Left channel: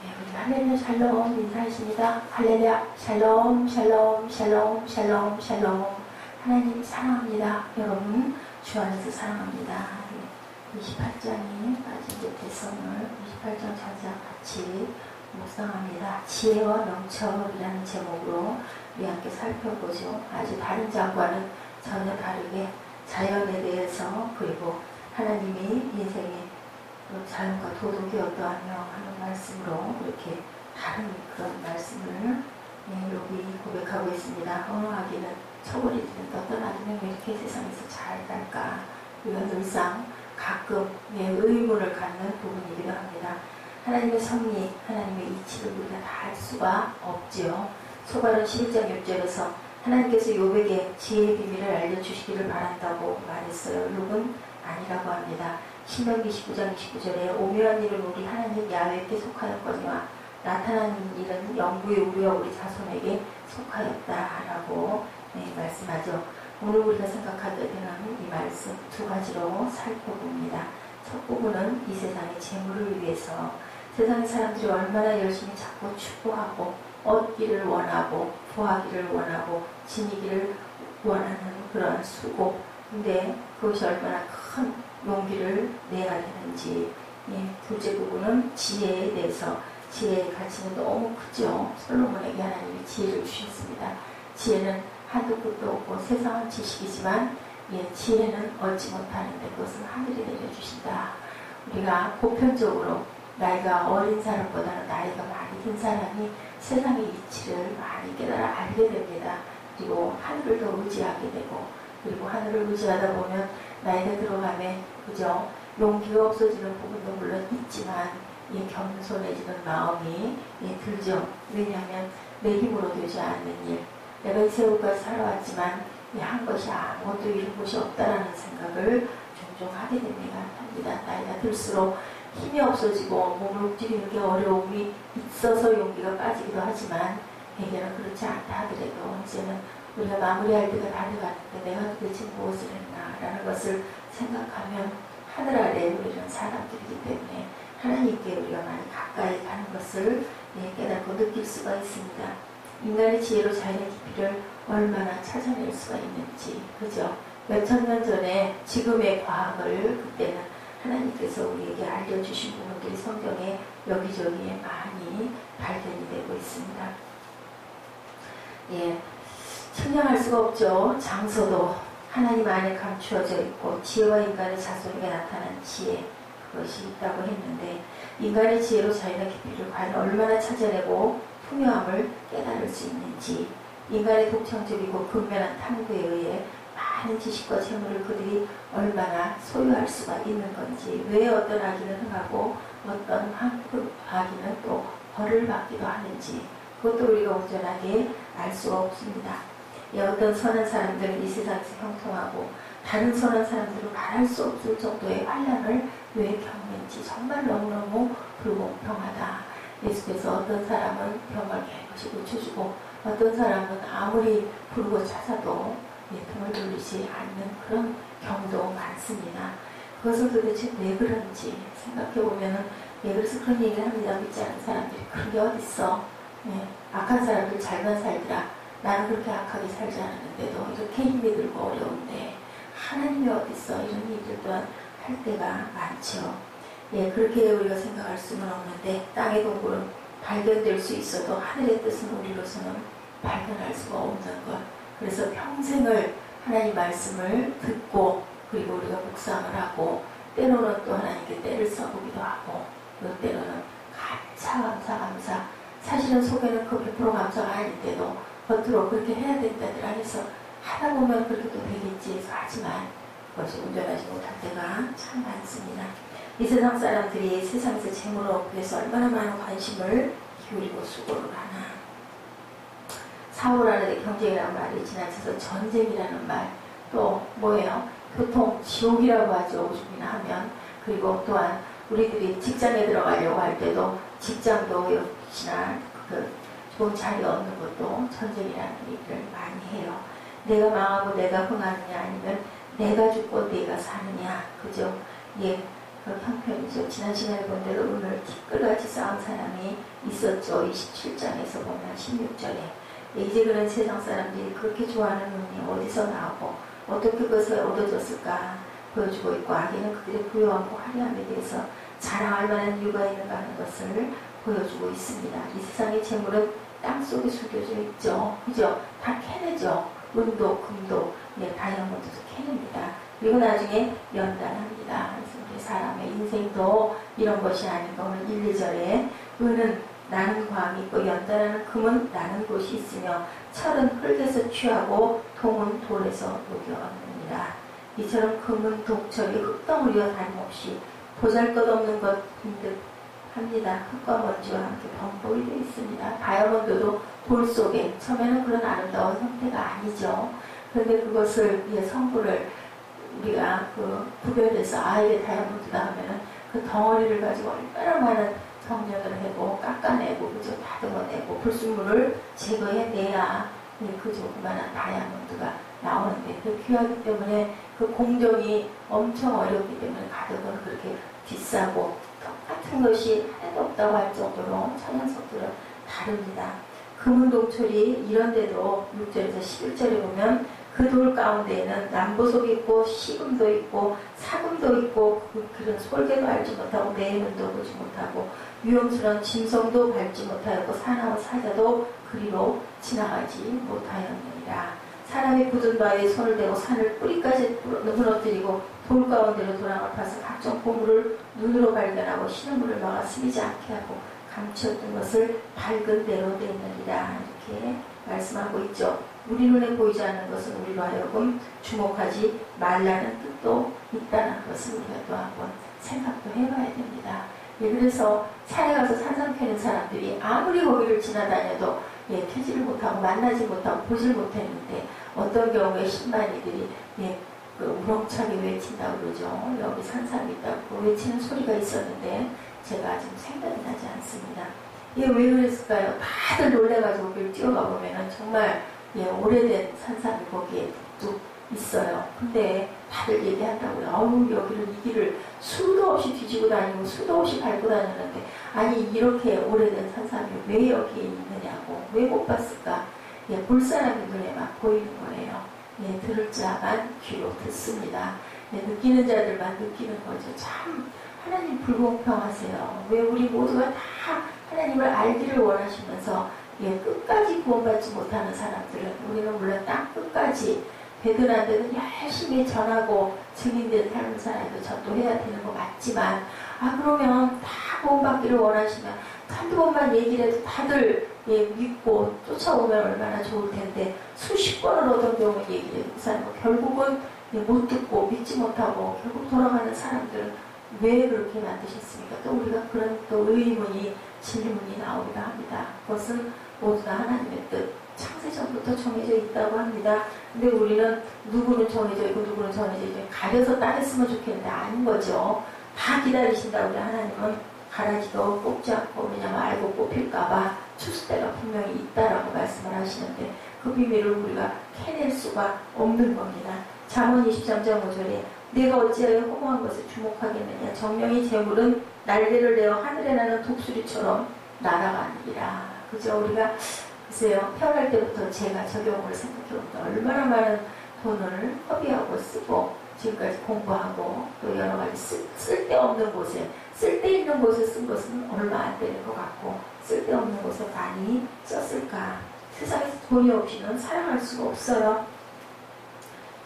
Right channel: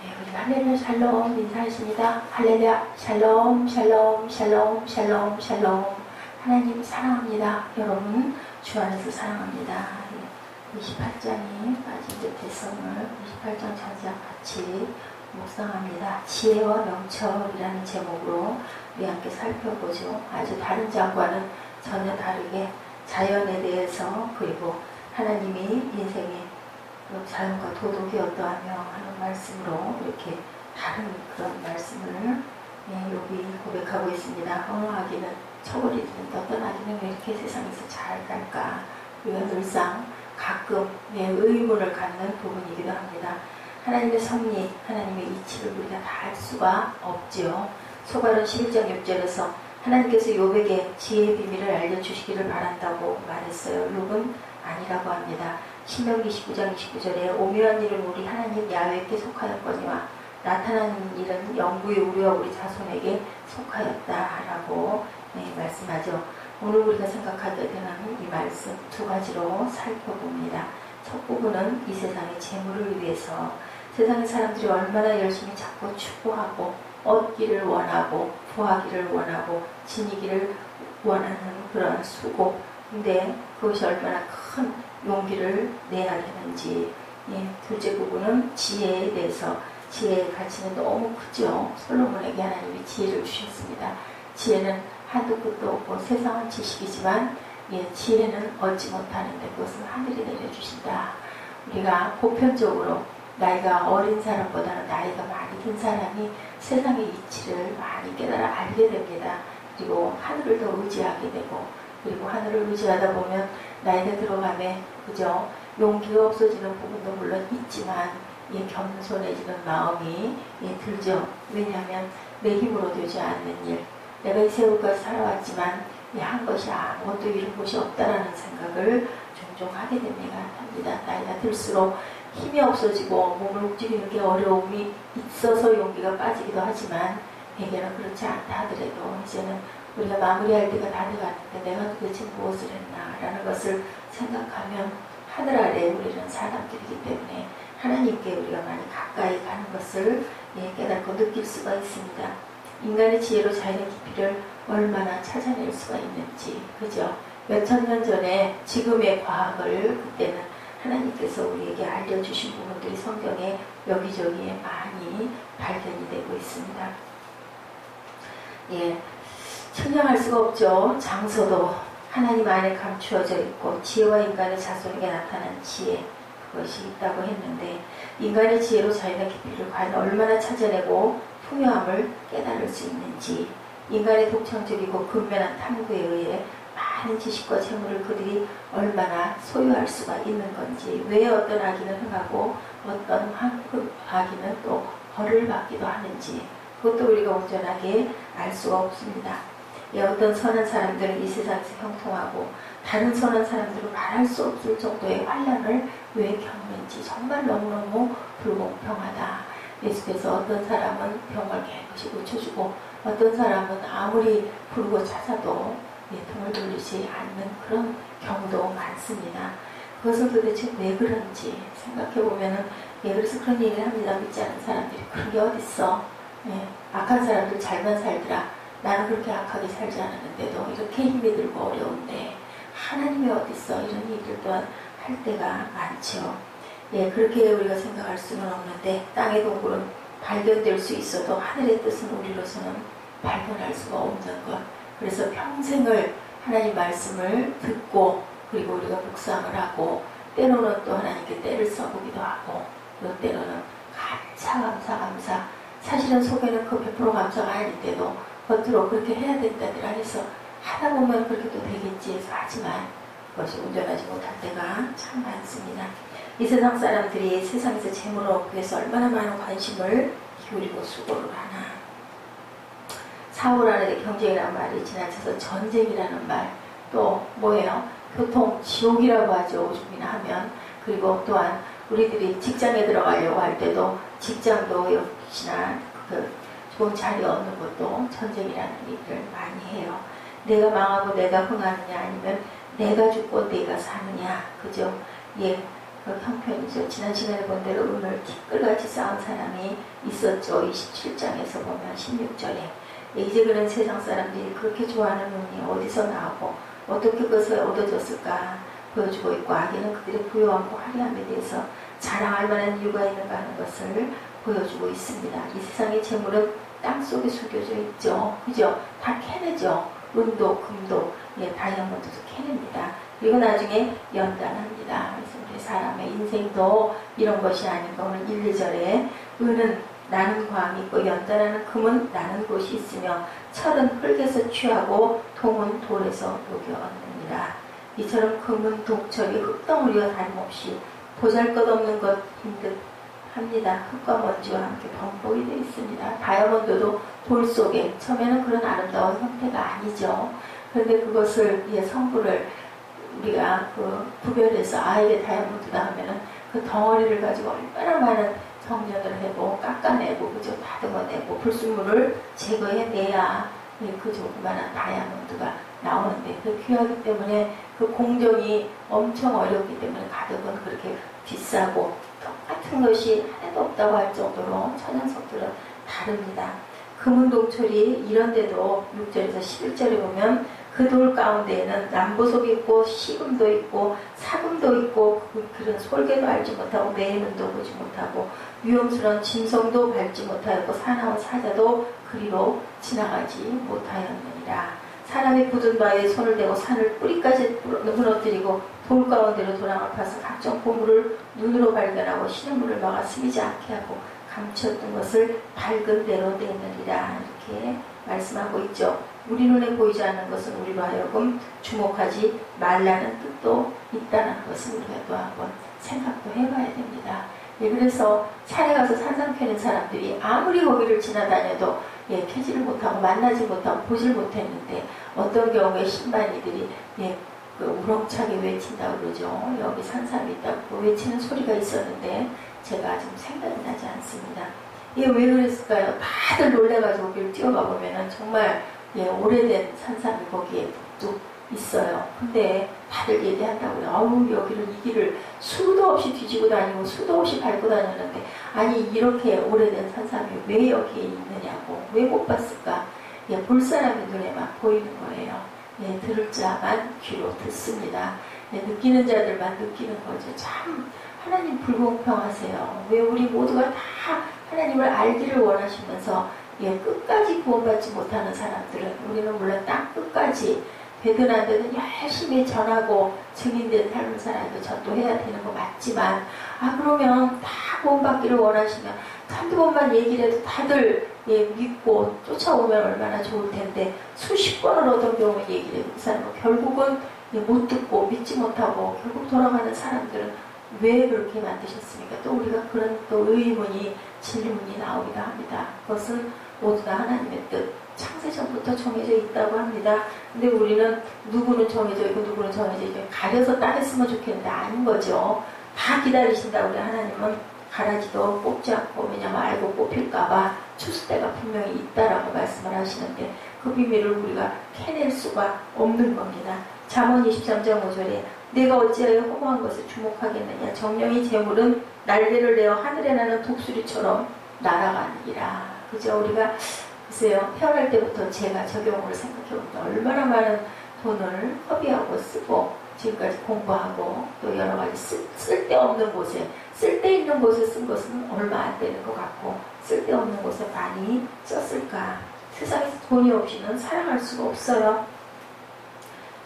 네, 우리가 할렐루야 샬롬 인사하십니다. 할렐루야 샬롬 샬롬 샬롬 샬롬 샬롬. 하나님 사랑합니다. 여러분 주 안에서 사랑합니다. 28장이 빠진 듯해서 오늘 28장 전장 같이 묵상합니다. 지혜와 명철이라는 제목으로 우리 함께 살펴보죠. 아주 다른 장과는 전혀 다르게 자연에 대해서 그리고 하나님이 인생의 자연과 도덕이 어떠하며 하는 말씀으로 이렇게 다른 그런 말씀을 여기 고백하고 있습니다. 언어하기는 처벌이든 떠나기는 왜 이렇게 세상에서 잘 갈까? 우리가 늘상 가끔 의문을 갖는 부분이기도 합니다. 하나님의 섭리, 하나님의 이치를 우리가 다 알 수가 없지요. 소발은 11장 6절에서 하나님께서 욥에게 지혜의 비밀을 알려주시기를 바란다고 말했어요. 욥은 아니라고 합니다. 신명기 29장 29절에 오묘한 일은 우리 하나님 야훼께 속하였거니와 나타난 일은 영구의 우리와 우리 자손에게 속하였다라고 말씀하죠. 오늘 우리가 생각하게 되는 이 말씀 두 가지로 살펴봅니다. 첫 부분은 이 세상의 재물을 위해서 세상의 사람들이 얼마나 열심히 찾고 추구하고 얻기를 원하고 부하기를 원하고 지니기를 원하는 그런 수고, 근데 그것이 얼마나 큰 용기를 내야 되는지. 둘째 부분은 지혜에 대해서. 지혜의 가치는 너무 크죠. 솔로몬에게 하나님이 지혜를 주셨습니다. 지혜는 한도 끝도 없고 세상은 지식이지만 지혜는 얻지 못하는데 그것은 하늘이 내려주신다. 우리가 보편적으로 나이가 어린 사람보다는 나이가 많이 든 사람이 세상의 이치를 많이 깨달아 알게 됩니다. 그리고 하늘을 더 의지하게 되고, 그리고 하늘을 의지하다 보면 나이가 들어가면 그죠, 용기가 없어지는 부분도 물론 있지만 겸손해지는 마음이 들죠. 왜냐하면 내 힘으로 되지 않는 일, 내가 이 세월까지 살아왔지만 한 것이 아무것도 이룬 것이 없다라는 생각을 종종 하게 됩니다. 나이가 들수록 힘이 없어지고 몸을 움직이는 게 어려움이 있어서 용기가 빠지기도 하지만 대개는 그렇지 않다 하더라도 이제는 우리가 마무리할 때가 다 돼갔는데 내가 도대체 무엇을 했나라는 것을 생각하면 하늘 아래에 우리는 사람들이기 때문에 하나님께 우리가 많이 가까이 가는 것을 깨닫고 느낄 수가 있습니다. 인간의 지혜로 자연의 깊이를 얼마나 찾아낼 수가 있는지, 그죠? 몇천 년 전에 지금의 과학을 그때는 하나님께서 우리에게 알려주신 부분들이 성경에 여기저기에 많이 발견이 되고 있습니다. 측량할 수가 없죠. 장소도 하나님 안에 감추어져 있고 지혜와 인간의 자손에게 나타난 지혜, 그것이 있다고 했는데 인간의 지혜로 자연의 깊이를 과연 얼마나 찾아내고 풍요함을 깨달을 수 있는지, 인간의 독창적이고 근면한 탐구에 의해 많은 지식과 재물을 그들이 얼마나 소유할 수가 있는 건지, 왜 어떤 아기는 흥하고 어떤 아기는 또 벌을 받기도 하는지, 그것도 우리가 온전하게 알 수가 없습니다. 어떤 선한 사람들은 이 세상에서 형통하고 다른 선한 사람들은 말할 수 없을 정도의 환난을 왜 겪는지 정말 너무너무 불공평하다. 예수께서 어떤 사람은 병을 깨끗이 고쳐주고 어떤 사람은 아무리 부르고 찾아도 등을 돌리지 않는 그런 경우도 많습니다. 그것은 도대체 왜 그런지 생각해보면은, 그래서 그런 얘기를 합니다. 믿지 않는 사람들이 그런 게 어딨어. 악한 사람들 잘만 살더라. 나는 그렇게 악하게 살지 않았는데도 이렇게 힘이 들고 어려운데 하나님이 어딨어. 이런 얘기를 또한 할 때가 많죠. 그렇게 우리가 생각할 수는 없는데 땅의 동굴은 발견될 수 있어도 하늘의 뜻은 우리로서는 발견할 수가 없는 것. 그래서 평생을 하나님 말씀을 듣고 그리고 우리가 묵상을 하고 때로는 또 하나님께 때를 써보기도 하고 또 때로는 감사 사실은 속에는 그 100% 감사가 아닌데도 겉으로 그렇게 해야 된다더라 해서 하다 보면 그렇게 또 되겠지 해서 하지만 그것이 온전하지 못할 때가 참 많습니다. 이 세상 사람들이 세상에서 재물을 얻기 위해서 얼마나 많은 관심을 기울이고 수고를 하나. 사고라는 경쟁이라는 말이 지나쳐서 전쟁이라는 말, 또 뭐예요? 교통 지옥이라고 하죠. 오죽이나 하면. 그리고 또한 우리들이 직장에 들어가려고 할 때도 직장도 역시나 좋은 자리 얻는 것도 전쟁이라는 얘기를 많이 해요. 내가 망하고 내가 흥하느냐 아니면 내가 죽고 내가 사느냐, 그죠? 그 형편이죠. 지난 시간에 본 대로 오늘 티끌 풀같이 쌓은 사람이 있었죠. 27장에서 보면 16절에. 이제 그런 세상 사람들이 그렇게 좋아하는 눈이 어디서 나오고 어떻게 그것을 얻어졌을까 보여주고 있고, 악인은 그들의 부유함과 화려함에 대해서 자랑할 만한 이유가 있는가 하는 것을 보여주고 있습니다. 이 세상의 재물은 땅속에 숨겨져 있죠. 그죠? 다 캐내죠. 은도, 금도, 다이아몬드도 캐냅니다. 그리고 나중에 연단합니다. 그래서 우리 사람의 인생도 이런 것이 아닌가. 오늘 1, 2절에 은은 나는 광이 있고 연단하는 금은 나는 곳이 있으며 철은 흙에서 취하고 동은 돌에서 녹여 얻느니라. 이처럼 금은 독철이 흙덩어리와 다름없이 보잘것없는 것인 듯 합니다. 흙과 먼지와 함께 범벅이 되어 있습니다. 다이아몬드도 돌 속에, 처음에는 그런 아름다운 형태가 아니죠. 그런데 그것을 성분을 우리가 구별해서 이게 다이아몬드다 하면은 그 덩어리를 가지고 얼마나 많은 정렬을 해고 깎아내고 그저 다듬어내고 불순물을 제거해내야 그 조그만한 다이아몬드가 나오는데, 그 귀하기 때문에 그 공정이 엄청 어렵기 때문에 가격은 그렇게 비싸고 똑같은 것이 하나도 없다고 할 정도로 천연석들은 다릅니다. 금은 동철이 이런데도 6절에서 11절에 보면 그 돌 가운데에는 남보석이 있고 시금도 있고 사금도 있고 그런 솔개도 알지 못하고 매는도 보지 못하고 위험스러운 짐승도 밟지 못하였고 사나운 사자도 그리로 지나가지 못하였느니라. 사람이 굳은 바위에 손을 대고 산을 뿌리까지 무너뜨리고 돌 가운데로 도랑을 파서 각종 보물을 눈으로 발견하고 신음물을 막아 스미지 않게 하고 감추었던 것을 밝은 대로 내느니라. 이렇게 말씀하고 있죠. 우리 눈에 보이지 않는 것은 우리로 하여금 주목하지 말라는 뜻도 있다는 것을 우리가 또 한번 생각도 해봐야 됩니다. 그래서 산에 가서 산삼 캐는 사람들이 아무리 거기를 지나다녀도 캐지를 못하고 만나지 못하고 보질 못했는데, 어떤 경우에 신반이들이 그 우렁차게 외친다고 그러죠. 여기 산삼이 있다고 외치는 소리가 있었는데 제가 지금 생각이 나지 않습니다. 왜 그랬을까요? 다들 놀래가지고 거기를 뛰어가 보면은 정말 오래된 산삼이 거기에 뚝 있어요. 근데 다들 얘기한다고요. 여기를 이 길을 수도 없이 뒤지고 다니고 수도 없이 밟고 다녔는데, 아니 이렇게 오래된 산삼이 왜 여기에 있느냐고, 왜 못 봤을까? 볼 사람의 눈에 막 보이는 거예요. 들을 자만 귀로 듣습니다. 느끼는 자들만 느끼는 거죠. 참 하나님 불공평하세요. 왜 우리 모두가 다 하나님을 알기를 원하시면서 끝까지 구원받지 못하는 사람들은, 우리는 물론 땅 끝까지 되든 안 되든 열심히 전하고 증인된 삶을 살아도 전도해야 되는 거 맞지만, 그러면 다 구원받기를 원하시면 한두 번만 얘기를 해도 다들 믿고 쫓아오면 얼마나 좋을 텐데, 수십 번을 어떤 경우에 얘기를 해도 그 사람은 결국은 못 듣고 믿지 못하고 결국 돌아가는 사람들은 왜 그렇게 만드셨습니까? 또 우리가 그런 또 의문이, 질문이 나오기도 합니다. 그것은 모두 다 하나님의 뜻, 창세전부터 정해져 있다고 합니다. 근데 우리는 누구는 정해져 있고 누구는 정해져 있고 가려서 따랐으면 좋겠는데 아닌 거죠. 다 기다리신다고 우리 하나님은 가라지도 뽑지 않고, 왜냐면 알고 뽑힐까봐 추수 때가 분명히 있다라고 말씀을 하시는데 그 비밀을 우리가 캐낼 수가 없는 겁니다. 잠언 23장 5절에 내가 어찌하여 허무한 것에 주목하겠느냐, 정령의 재물은 날개를 내어 하늘에 나는 독수리처럼 날아가느니라. 그죠? 우리가 글쎄요, 태어날 때부터 제가 적용을 생각해보니까 얼마나 많은 돈을 허비하고 쓰고 지금까지 공부하고 또 여러 가지 쓸데없는 곳에, 쓸데있는 곳에 쓴 것은 얼마 안 되는 것 같고 쓸데없는 곳에 많이 썼을까. 세상에서 돈이 없이는 살아갈 수가 없어요.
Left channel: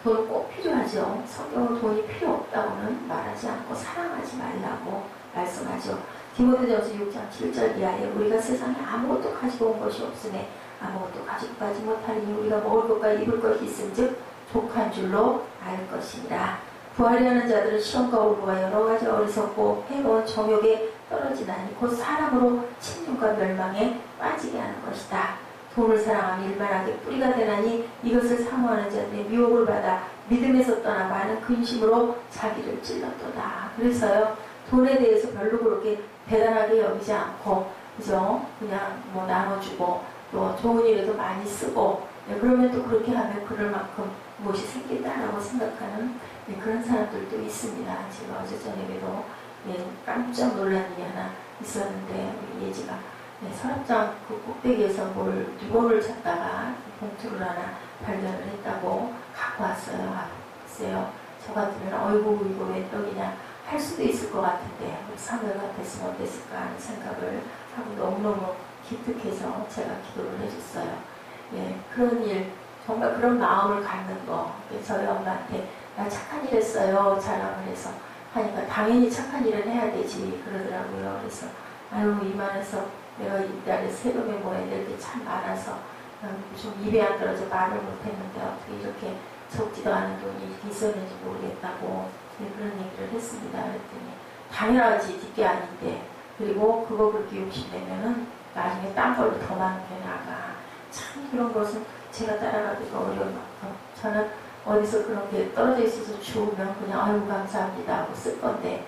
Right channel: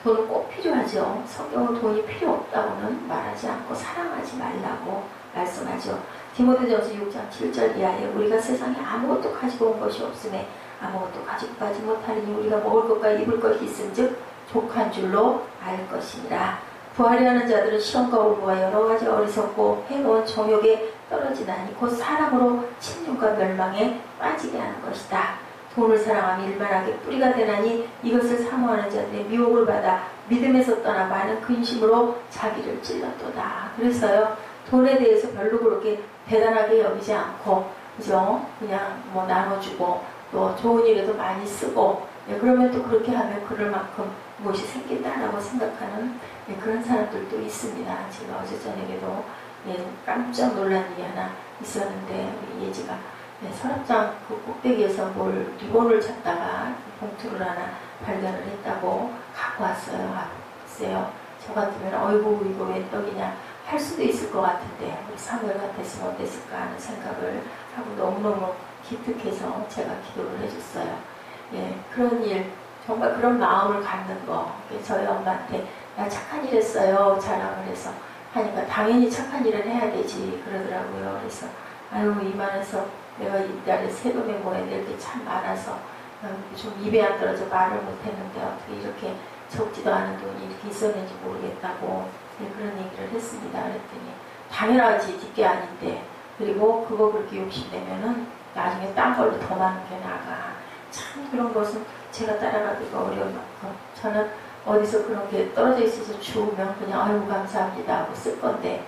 돈은 꼭 필요하죠. 성경은 돈이 필요 없다고는 말하지 않고 사랑하지 말라고 말씀하죠. 디모데전서 6장 7절 이하에 우리가 세상에 아무것도 가지고 온 것이 없음에 아무것도 가지고 가지 못하리니 우리가 먹을 것과 입을 것이 있음즉 족한 줄로 알 것이니라. 부활이 하는 자들은 시험과 올무와 여러 가지 어리석고 해로운 정욕에 떨어지나니 곧 사람으로 침륜과 멸망에 빠지게 하는 것이다. 돈을 사랑하며 일만하게 뿌리가 되나니 이것을 사모하는 자들의 미혹을 받아 믿음에서 떠나 많은 근심으로 자기를 찔렀도다. 그래서요, 돈에 대해서 별로 그렇게 대단하게 여기지 않고, 그죠? 그냥 뭐 나눠주고 또 좋은 일에도 많이 쓰고, 그러면 또 그렇게 하면 그럴 만큼 무엇이 생긴다라고 생각하는 그런 사람들도 있습니다. 제가 어제 저녁에도 깜짝 놀란 일이 하나 있었는데 우리 예지가 서랍장 그 꼭대기에서 리본을 찾다가 봉투를 하나 발견을 했다고 갖고 왔어요. 글쎄요. 저 같으면 어이구 이거 왜 떡이냐 할 수도 있을 것 같은데 우리 사무엘 같았으면 어땠을까 하는 생각을 하고 너무너무 기특해서 제가 기도를 해줬어요. 예, 그런 일 정말 그런 마음을 갖는 거 저희 엄마한테 나 착한 일 했어요 자랑을 해서 하니까 당연히 착한 일은 해야 되지 그러더라고요. 그래서 아유 이만해서 내가 이달에 세금에 뭐 해야 될 게 참 많아서 좀 입에 안 떨어져 말을 못했는데 어떻게 이렇게 적지도 않은 돈이 이렇게 있었는지 모르겠다고 그런 얘기를 했습니다. 그랬더니 당연하지 뒷게 아닌데 그리고 그거 그렇게 욕심내면은 나중에 딴 걸로 더 많은 게 나가. 참 그런 것은 제가 따라가기가 어려운 만큼 저는 어디서 그런 게 떨어져 있어서 주우면 그냥 아유 감사합니다 하고 쓸 건데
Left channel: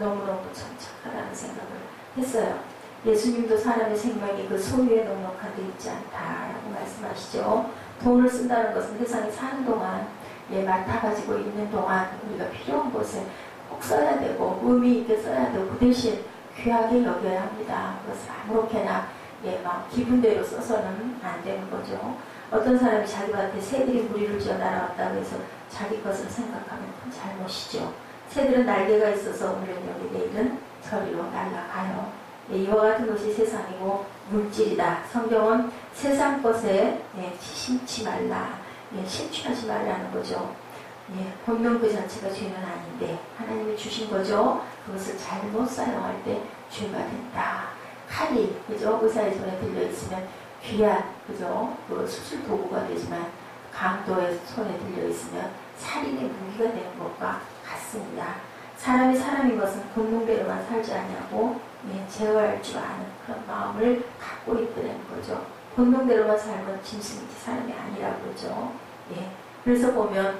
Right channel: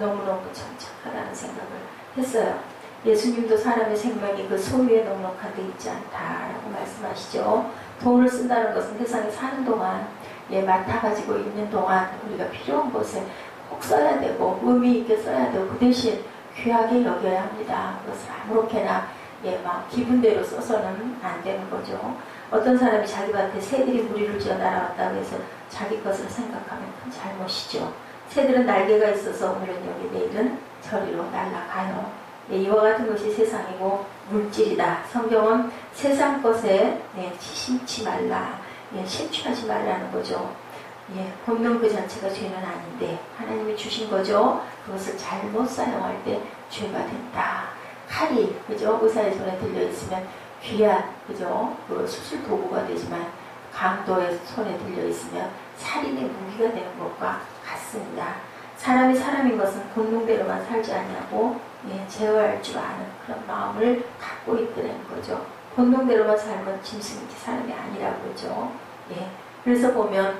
너무너무 참 착하다는 생각을 했어요. 예수님도 사람의 생명이 그 소유에 넉넉한 데 있지 않다라고 말씀하시죠. 돈을 쓴다는 것은 세상에 사는 동안 맡아가지고 있는 동안 우리가 필요한 곳에 꼭 써야 되고 의미 있게 써야 되고 그 대신 귀하게 여겨야 합니다. 그것을 아무렇게나 막 기분대로 써서는 안 되는 거죠. 어떤 사람이 자기 밭에 새들이 무리를 지어 날아왔다고 해서 자기 것을 생각하면 큰 잘못이죠. 새들은 날개가 있어서 오늘은 여기 내일은 저리로 날아가요. 이와 같은 것이 세상이고 물질이다. 성경은 세상 것에 심지 말라. 심취하지 말라는 거죠. 본능 그 자체가 죄는 아닌데 하나님이 주신 거죠. 그것을 잘못 사용할 때 죄가 된다. 칼이 그죠? 의사의 손에 들려 있으면 귀한 그죠? 그 수술 도구가 되지만 강도의 손에 들려 있으면 살인의 무기가 되는 것과 같습니다. 사람이 사람인 것은 본능대로만 살지 않냐고 제어할 줄 아는 그런 마음을 갖고 있다는 거죠. 본능대로만 살면 짐승이지 사람이 아니라고 그러죠. 그래서 보면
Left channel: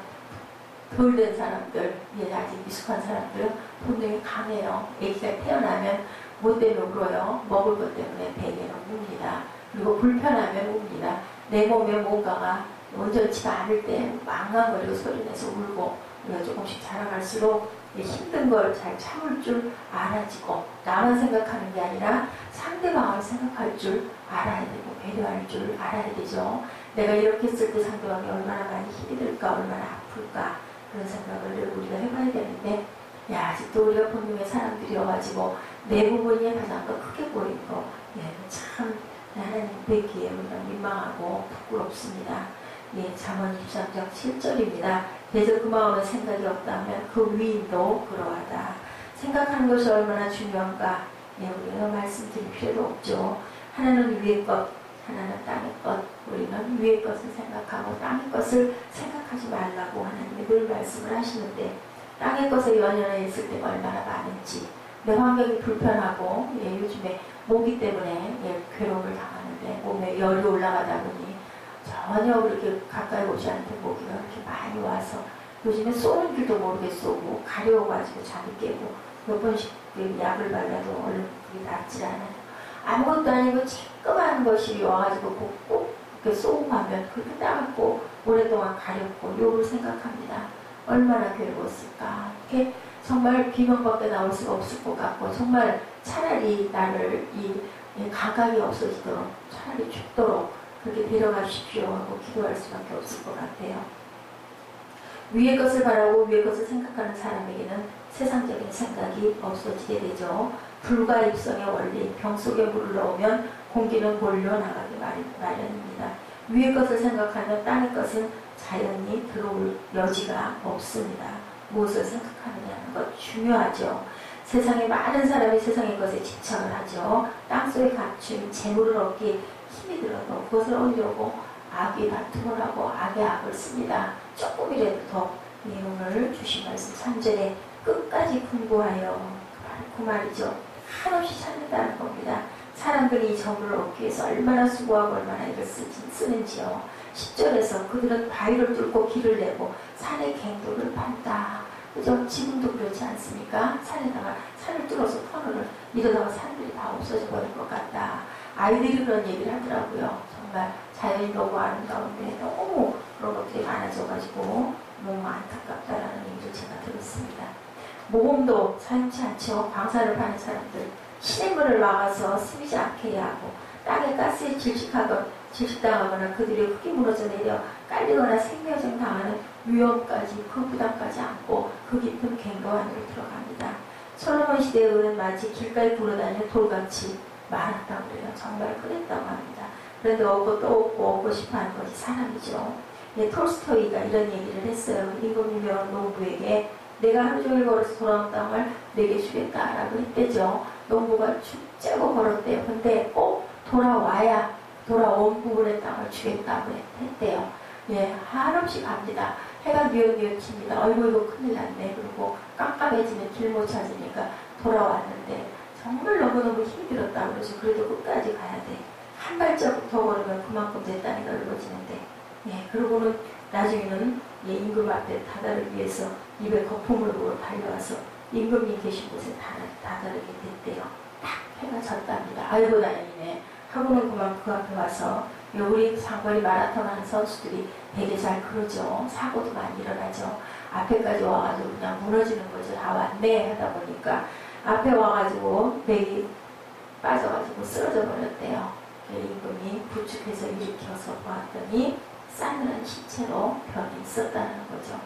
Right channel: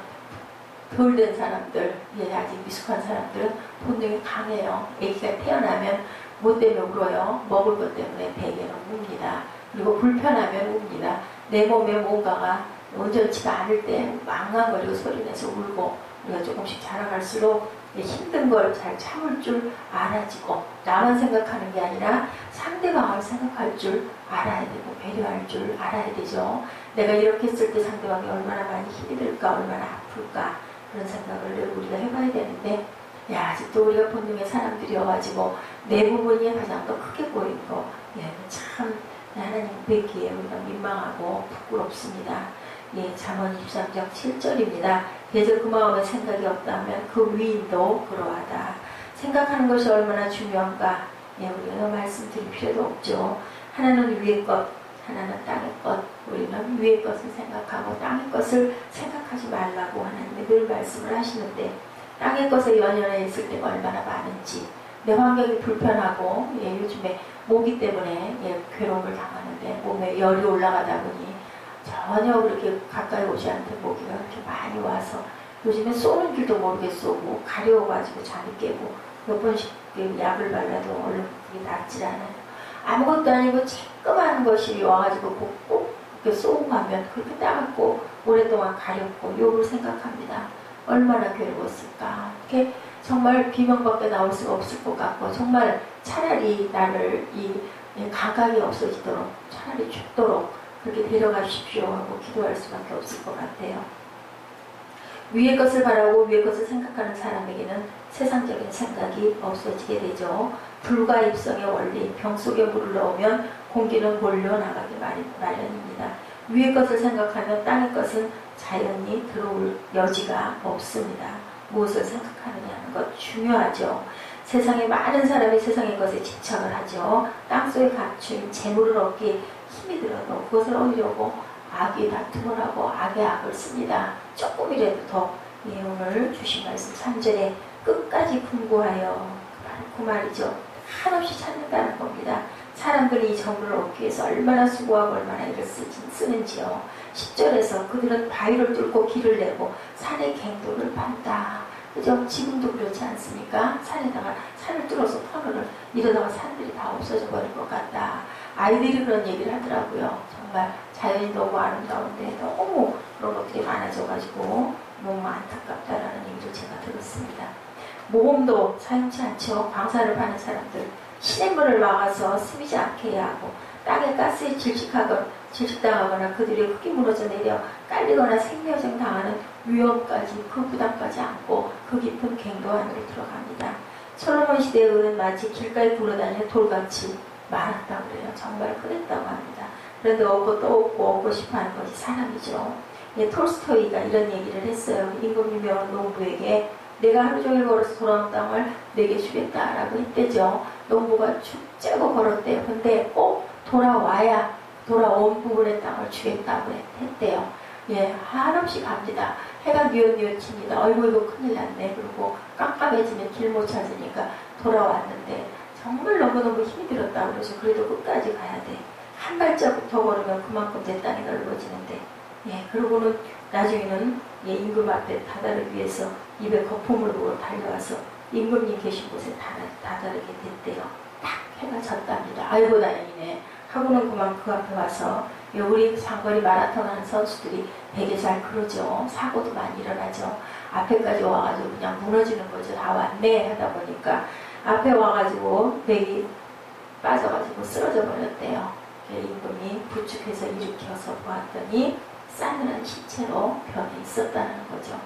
덜 된 사람들, 아직 미숙한 사람들은 본능이 강해요. 애기가 태어나면 뭐 때문에 울어요? 먹을 것 때문에 대개는 웁니다. 그리고 불편하면 웁니다. 내 몸에 뭔가가 온전치가 않을 때 망망거리고 소리내서 울고 우리가 조금씩 자라갈수록 힘든 걸 잘 참을 줄 알아지고 나만 생각하는 게 아니라 상대방을 생각할 줄 알아야 되고 배려할 줄 알아야 되죠. 내가 이렇게 했을 때 상대방이 얼마나 많이 힘이 들까 얼마나 아플까 그런 생각을 우리가 해봐야 되는데 아직도 우리가 본능의 사람들이어가지고 내 부분이 가장 더 크게 보이는 거 참 하나님 뵙기에 우리가 민망하고 부끄럽습니다. 잠언 23장 7절입니다. 대저 그 마음에 생각이 없다면 그 위인도 그러하다. 생각하는 것이 얼마나 중요한가 우리가 말씀드릴 필요도 없죠. 하나는 위의 것, 하나는 땅의 것. 우리는 위의 것을 생각하고 땅의 것을 생각하지 말라고 하나님이 늘 말씀을 하시는데 땅의 것에 연연해 있을 때가 얼마나 많은지 내 환경이 불편하고 요즘에 모기 때문에 괴로움을 당하는데 몸에 열이 올라가다 보니 전혀 그렇게 가까이 오지 않던 모기가 그렇게 많이 와서 요즘에 쏘는 줄도 모르게 쏘고 가려워가지고 잠이 깨고 몇 번씩 약을 발라도 얼른 그게 낫질 않아요. 아무것도 아니고 쬐끄만 것이 와가지고 꼭 이렇게 쏘고 가면 그렇게 따갑고 오랫동안 가렵고 욕을 생각합니다. 얼마나 괴로웠을까. 이렇게 정말 비명밖에 나올 수가 없을 것 같고 정말 차라리 나를 이 감각이 없어지도록 차라리 죽도록 그렇게 데려가십시오 하고 기도할 수밖에 없을 것 같아요. 위의 것을 바라고 위의 것을 생각하는 사람에게는 세상적인 생각이 없어지게 되죠. 불과 입성의 원리, 병 속에 물을 넣으면 공기는 몰려나가기 마련입니다. 위의 것을 생각하면 땅의 것은 자연히 들어올 여지가 없습니다. 무엇을 생각하느냐는 것 중요하죠. 세상에 많은 사람이 세상의 것에 집착을 하죠. 땅속에 감춘 재물을 얻기 힘이 들어도 그것을 얻으려고 악의 다툼을 하고 악의 악을 씁니다. 조금이라도 더 오늘 주신 말씀 3절에 끝까지 분고하여 그 말이죠. 한없이 찾는다는 겁니다. 사람들이 이 정보를 얻기 위해서 얼마나 수고하고 얼마나 일을 쓰는지요. 10절에서 그들은 바위를 뚫고 길을 내고 산의 갱도를 판다. 그죠? 지금도 그렇지 않습니까? 산에다가 산을 뚫어서 터널을 이러다가 산들이 다 없어져 버릴 것 같다. 아이들이 그런 얘기를 하더라고요. 정말 자연이 너무 아름다운데 너무 그런 것들이 많아져가지고 너무 안타깝다라는 얘기를 제가 들었습니다. 모범도 사용치 않죠. 광산을 파는 사람들 시냇물을 막아서 스미지 않게 하고 땅에 가스에 질식당하거나 그들의 흙이 무너져 내려 깔리거나 생명정 당하는 위험까지 그 부담까지 안고 그 깊은 갱도 안으로 들어갑니다. 솔로몬 시대의 은은 마치 길가에 굴러다니는 돌같이 많았다고 그래요. 정말 흔했다고 합니다. 그런데 얻고 또 얻고 싶어하는 것이 사람이죠. 예, 톨스토이가 이런 얘기를 했어요. 임금님의 농부에게 내가 하루 종일 걸어서 돌아온 땅을 내게 주겠다라고 했대죠. 농부가 죽자고 걸었대요. 근데 꼭 돌아온 부분의 땅을 주겠다고 했대요. 예, 한없이 갑니다. 해가 뉘엿뉘엿칩니다. 어이구 이거 큰일 났네. 그리고 깜깜해지면 길 못 찾으니까 돌아왔는데 정말 너무너무 힘이 들었다고 그래서 그래도 끝까지 가야 돼. 한 발자국 더 걸으면 그만큼 내 땅이 넓어지는데 예, 그러고는 나중에는 예, 임금 앞에 다다르기 위해서 입에 거품을 부어 달려와서 임금님 계신 곳에 다다르게 됐대요. 딱 해가 졌답니다. 아이고 다행이네 하고는 그만 그 앞에 와서 우리 장거리 마라톤 하는 선수들이 되게 잘 그러죠. 사고도 많이 일어나죠. 앞에까지 와가지고 그냥 무너지는 거죠. 다 왔네 하다 보니까 앞에 와가지고 백이 빠져가지고 쓰러져 버렸대요. 임금이 부축해서 일으켜서 보았더니 싸늘한 시체로 변해 있었다는 거죠.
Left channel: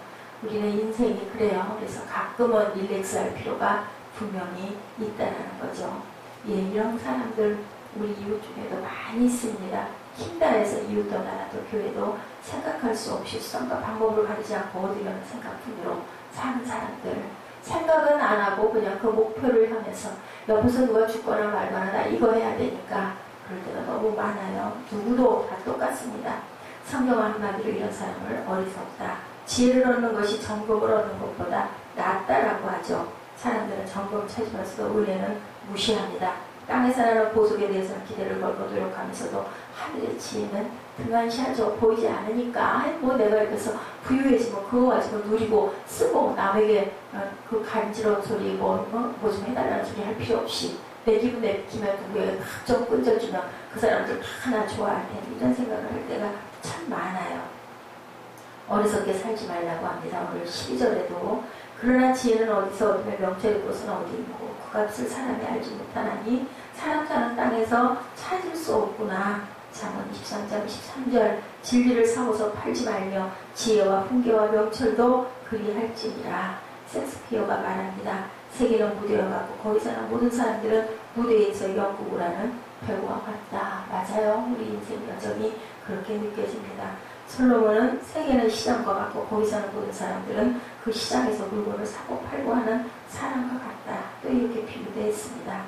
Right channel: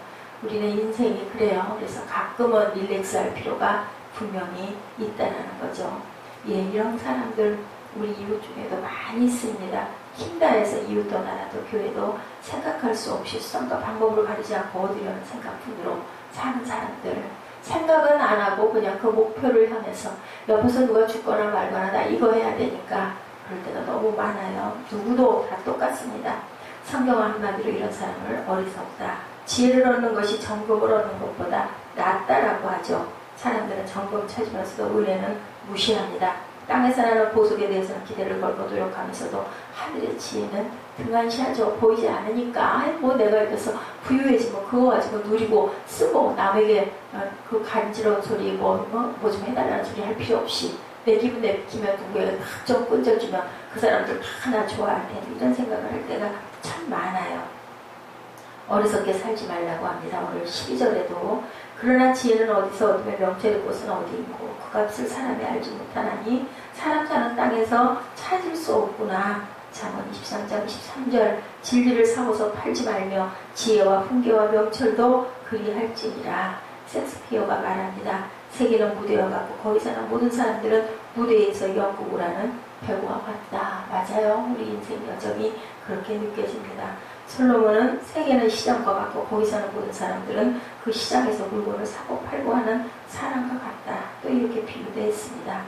우리는 인생이 그래요. 그래서 가끔은 릴렉스할 필요가 분명히 있다는 거죠. 예, 이런 사람들 우리 이웃 중에도 많이 있습니다. 힘다해서 이웃도 나라도 교회도 생각할 수 없이 수단과 방법을 가리지 않고 얻으려는 생각뿐으로 사는 사람들 생각은 안 하고 그냥 그 목표를 향해서 옆에서 누가 죽거나 말거나 나 이거 해야 되니까 그럴 때가 너무 많아요. 누구도 다 똑같습니다. 성경 한마디로 이런 사람을 어리석다. 지혜를 얻는 것이 정금을 얻는 것보다 낫다라고 하죠. 사람들은 정금 찾으면서도 은혜는 무시합니다. 땅에서 나는 보석에 대해서는 기대를 걸고 노력하면서도 하늘의 지혜는 등한시하죠. 보이지 않으니까 뭐 내가 이래서 부유해지면 그거 가지고 누리고 쓰고 남에게 그 간지러운 소리 뭐 좀 해달라는 소리 할 필요 없이 내 기분 내키면 누구에게 좀 끈적주면 그 사람들 다 나 좋아할 텐데 이런 생각을 할 때가 참 많아요. 어리석게 살지 말라고 합니다. 오늘 12절에도 그러나 지혜는 어디서 얻으며 명철의 곳은 어디 있고 그 값을 사람이 알지 못하나니 사람 사는 땅에서 찾을 수 없구나. 잠언 23장 13절 진리를 사고서 팔지 말며 지혜와 훈계와 명철도 그리할지니라. 섹스피어가 말합니다. 세계는 무대와 같고 거기 사는 모든 사람들은 무대에서 연극을 하는 배우와 같다. 맞아요. 우리 인생 여정이 그렇게 느껴집니다. 솔로몬은 세계는 시장과 같고 거기 사는 모든 사람들은 그 시장에서 물건을 사고 팔고 하는 사람과 같다. 또 이렇게 비유되어 있습니다.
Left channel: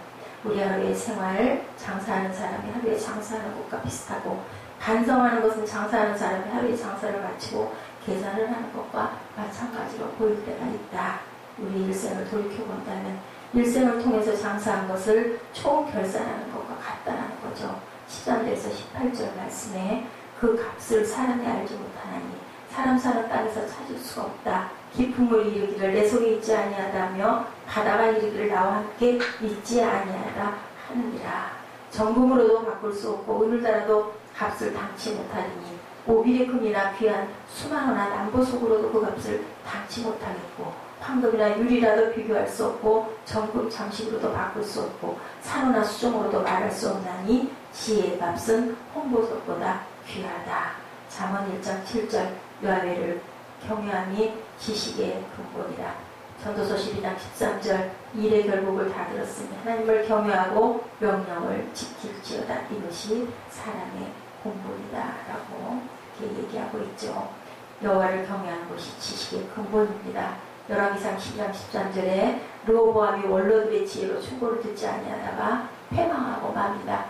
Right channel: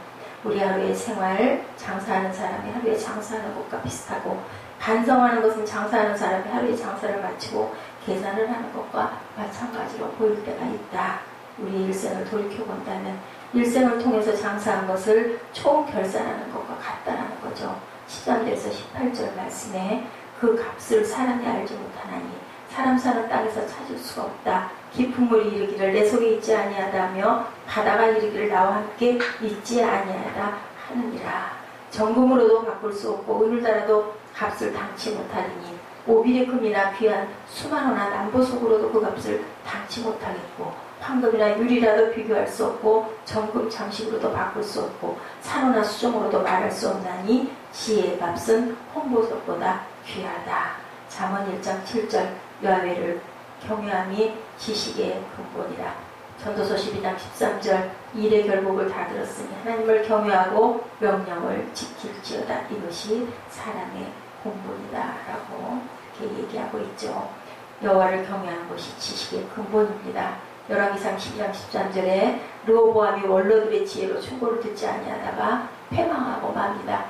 우리 하루의 생활, 장사하는 사람이 하루에 장사하는 것과 비슷하고 반성하는 것은 장사하는 사람이 하루에 장사를 마치고 계산을 하는 것과 마찬가지로 보일 때가 있다. 우리 일생을 돌이켜본다면 일생을 통해서 장사한 것을 총 결산하는 것과 같다는 거죠. 13절에서 18절 말씀에 그 값을 사람이 알지 못하나니 사람 사는 땅에서 찾을 수가 없다. 깊은 물이 이르기를 내 속에 있지 아니하다며 바다가 이르기를 나와 함께 있지 아니하다 하느니라. 정금으로도 바꿀 수 없고 은을 달아도 값을 당치 못하리니 오빌의 금이나 귀한 수만호나 남보석으로도 그 값을 당치 못하겠고 황금이나 유리라도 비교할 수 없고 정금 장식으로도 바꿀 수 없고 산호나 수종으로도 말할 수 없나니 지혜의 값은 홍보석보다 귀하다. 잠언 1장 7절 여호와를 경외함이 지식의 근본이라. 전도서 12장 13절 일의 결국을 다 들었으니 하나님을 경외하고 명령을 지킬지어다. 이것이 사람의 공본이다 라고 이렇게 얘기하고 있죠. 여호와를 경외하는 것이 지식의 근본입니다. 열왕기상 12장 13절에 르호보암이 원로들의 지혜로 충고를 듣지 아니하다가 패망하고 맙니다.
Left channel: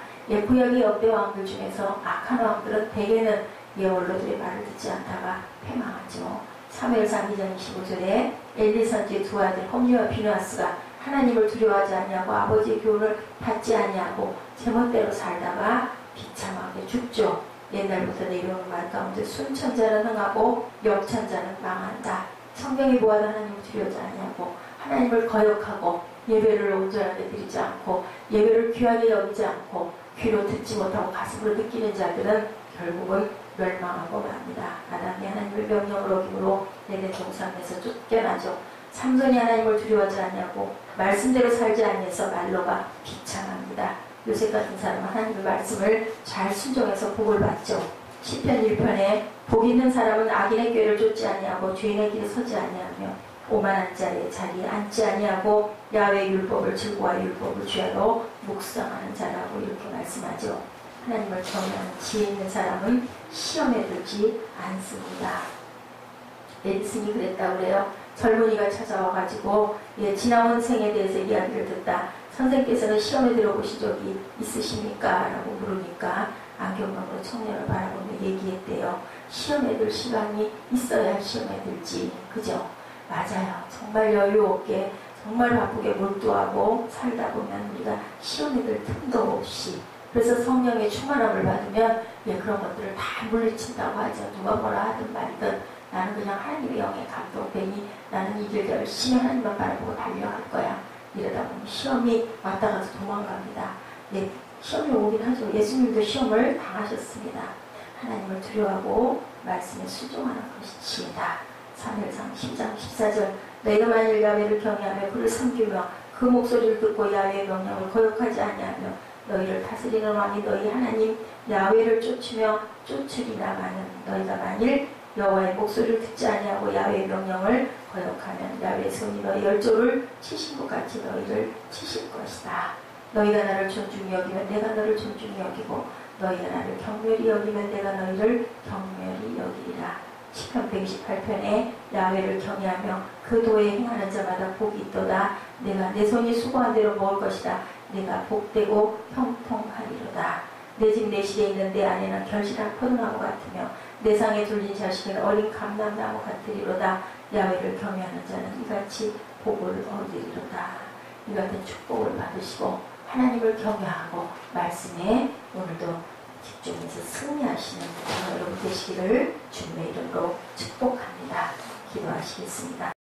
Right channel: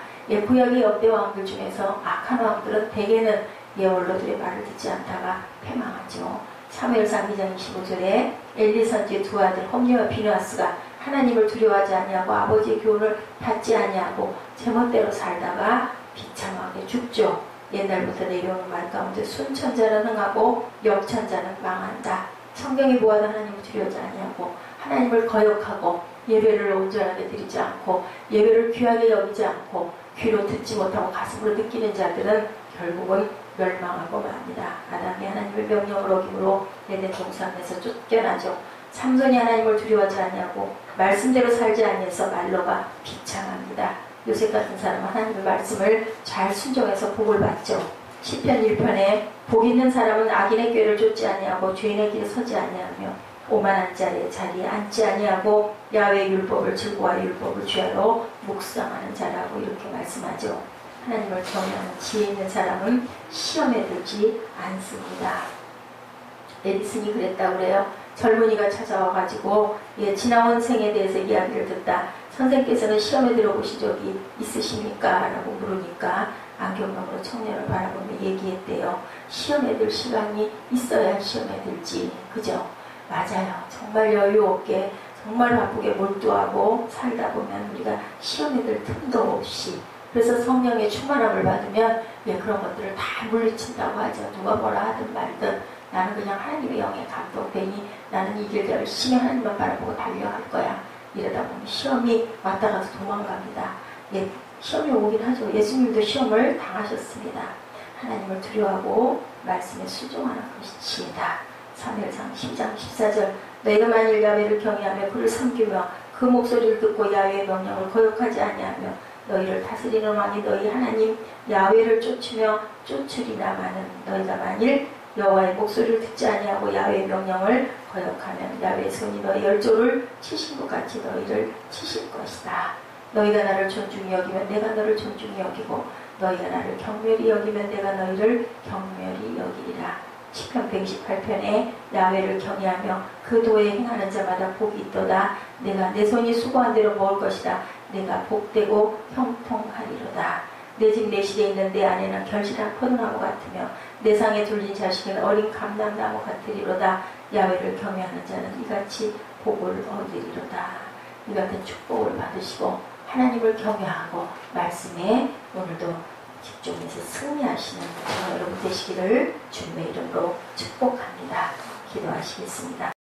구약의 역대 왕들 중에서 악한 왕들은 대개는 원로들의 말을 듣지 않다가 패망하죠. 사무엘상 2장 25절에 엘리 선지의 두 아들 홈리와 비느하스가 하나님을 두려워하지 아니하고 아버지의 교훈을 받지 아니하고 제멋대로 살다가 비참하게 죽죠. 옛날부터 내려오는 말 가운데 순천자는 흥하고 역천자는 망한다. 성경에 보아도 하나님을 두려워하지 아니하고 하나님을 거역하고 예배를 온전하게 드리지 않고 예배를 귀하게 여기지 않고 귀로 듣지 못하고 가슴으로 느끼는 자들은 결국은 멸망하고 맙니다. 아담이 하나님의 명령을 어김으로 에덴 동산에서 쫓겨나죠. 삼손이 하나님을 두려워하지 않냐고 말씀대로 살지 아니해서 말로가 비참합니다. 요셉 같은 사람은 하나님의 말씀을 잘 순종해서 복을 받죠. 시편 1편에 복 있는 사람은 악인의 꾀를 쫓지 아니하고 죄인의 길에 서지 아니하며 오만한 자의 자리에 앉지 아니하고 야훼의 율법을 즐거워하여 율법을 죄하러 묵상하는 자라고 이렇게 말씀하죠. 하나님을 경외하는 지혜 있는 사람은 시험에 들지 않습니다. 에디슨이 그랬다고 그래요. 젊은이가 찾아와가지고 지나온 생에 대해서 이야기를 듣다. 선생께서는 시험에 들어보신 적이 있으십니까? 라고 물으니까 안경감으로 청년을 바라보며 얘기했대요. 시험에 들 시간이 있어야 시험에 들지. 그죠? 맞아요. 정말 여유 없게 정말 바쁘게 몰두하고 살다 보면 우리가 시험에 들 틈도 없이, 그래서 성령의 충만함을 받으면 그런 것들을 다 물리친다고 하죠. 누가 뭐라 하든 말든 나는 그냥 하나님의 영에 감동되니 나는 이 길 열심히 하나님만 바라보고 달려갈 거야. 이러다 보면 시험이 왔다 가서 도망갑니다. 시험이 오긴 하죠. 예수님도 시험을 당하셨습니다. 하나님을 두려워하고 말씀에 순종하는 것이 지혜다. 사무엘상 10장 14절 너희가 만일 야훼를 경외하며 그를 섬기며 그 목소리를 듣고 야훼의 명령을 거역하지 아니하며 너희를 다스리는 왕이 너희 하나님 야훼를 쫓으며 쫓으리라마는 너희가 만일 여호와의 목소리를 듣지 아니하고 야훼의 명령을 거역하면 야훼의 손이 너희 열조를 치신 것 같이 너희를 치실 것이다. 너희가 나를 존중히 여기면 내가 너를 존중히 여기고 너희가 나를 경멸히 여기면 내가 너희를 경멸히 여기리라. 시편 128편에 야훼를 경외하며 그 도에 행하는 자마다 복이 있도다. 내가 내 손이 수고한 대로 먹을 것이다. 내가 복되고 형통하리로다. 내 집 내 실에 있는 내 아내는 결실한 포도나무 같으며 내 상에 둘린 자식은 어린 감람나무 같으리로다. 야훼를 경외하는 자는 이같이 복을 얻으리로다. 이 같은 축복을 받으시고 하나님을 경외하고 말씀에 오늘도 집중해서 승리하시는 여러분 되시기를 주님의 이름으로 축복합니다. 기도하시겠습니다.